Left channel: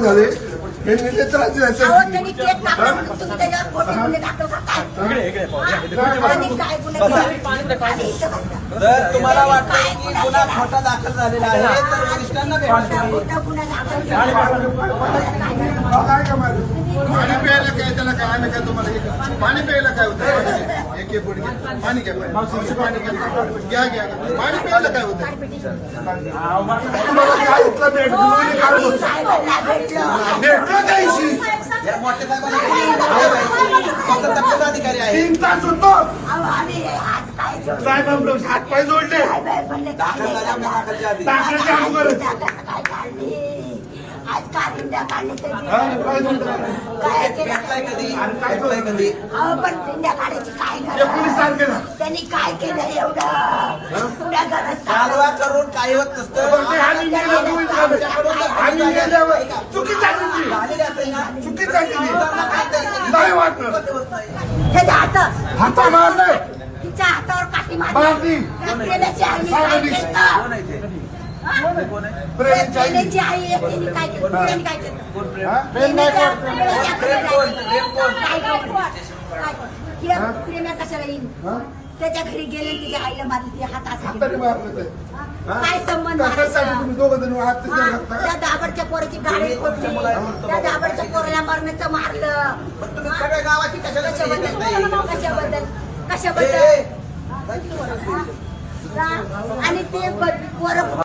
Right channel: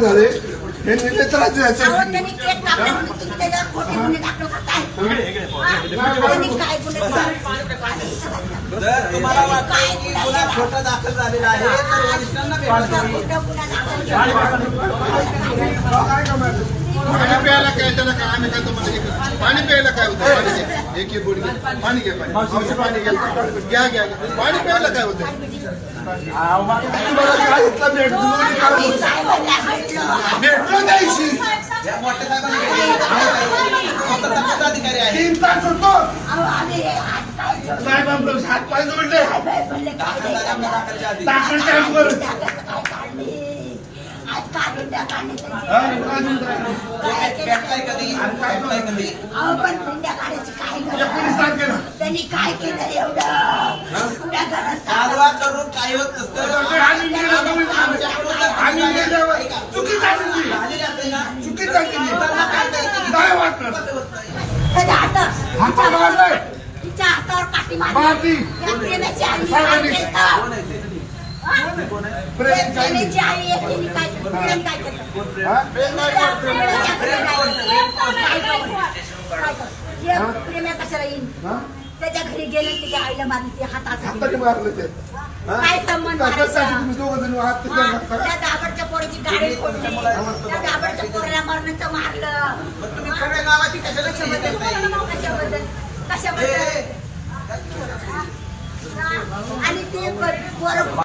झाले हे नेतेच राज्य अहो, त्यांनी केक कापला म्हणून तुम्ही त्याच्यावर खोटे गुन्हे दाखल करताय. आणि काय गुन्हे केले? जर तुम्हाला वाटतं की गुन्हा खोटा दाखल झालेला आहे तर वरिष्ठांना भेटा. खोटा गुन्हा दाखल केला. पाणी प्यायला काय त्याला काय आम्ही काय तुम्हाला पाणी प्यायला काय होतं एक एक गोडी पाणी घ्या पाणी घ्या घ्या पाणी प्यायला काय होतं साहेबांना भेटलो. या मोठ्या साहेबांना अधिकारी आहे 3 तास होतो अहो, आम्ही हात पाय जोडले. साहेब हात पाय जोडले साहेब म्हणले काय नाही करणार. टाकायच्या अगोदर काय काढली आज काढिंडा काढली काय म्हणतात? काय केलं? भेटलाय कधी भेटलाय कधी अहो, पण पिंड्या काढायची काय या गरज? पोलिसांनी केलं त्यांनी काय केलं एवढं पुऱ्या घरात कालवा करून काही होत नसतं आम्ही गेल्यावर चुकी झाली झालेली असेल ना चुकी झाली नाही वाटलं त्याच्या हातात हाता मारले तिच्या हातावर काठी मारली. मारली. त्या प्रेमाची आई काय साहेबांनी. केलं? प्रेमाची आई. प्रेमाची आई आहे, तिने काय केलं? प्रेमाने काय केलं? हा? प्रेमाच्या प्रेमा कशाला येईल? हा? त्याच्या घरी गेले त्याच्या आईला मारली तिच्या हाताने हातासाठी. मारलं ते काय संबंध त्याच्यासाठी तुम्ही दोघं जण हात त्याच्यावर घातला का? त्या दाबडच्या पोराची गाडी फोडली त्या दाबडच्या पोराला मरणाचं मारलं. तुम्ही सगळ्या गावाची कशाला कशाबद्दल कशाबद्दल कशाबद्दल ए, आणि ते पोरं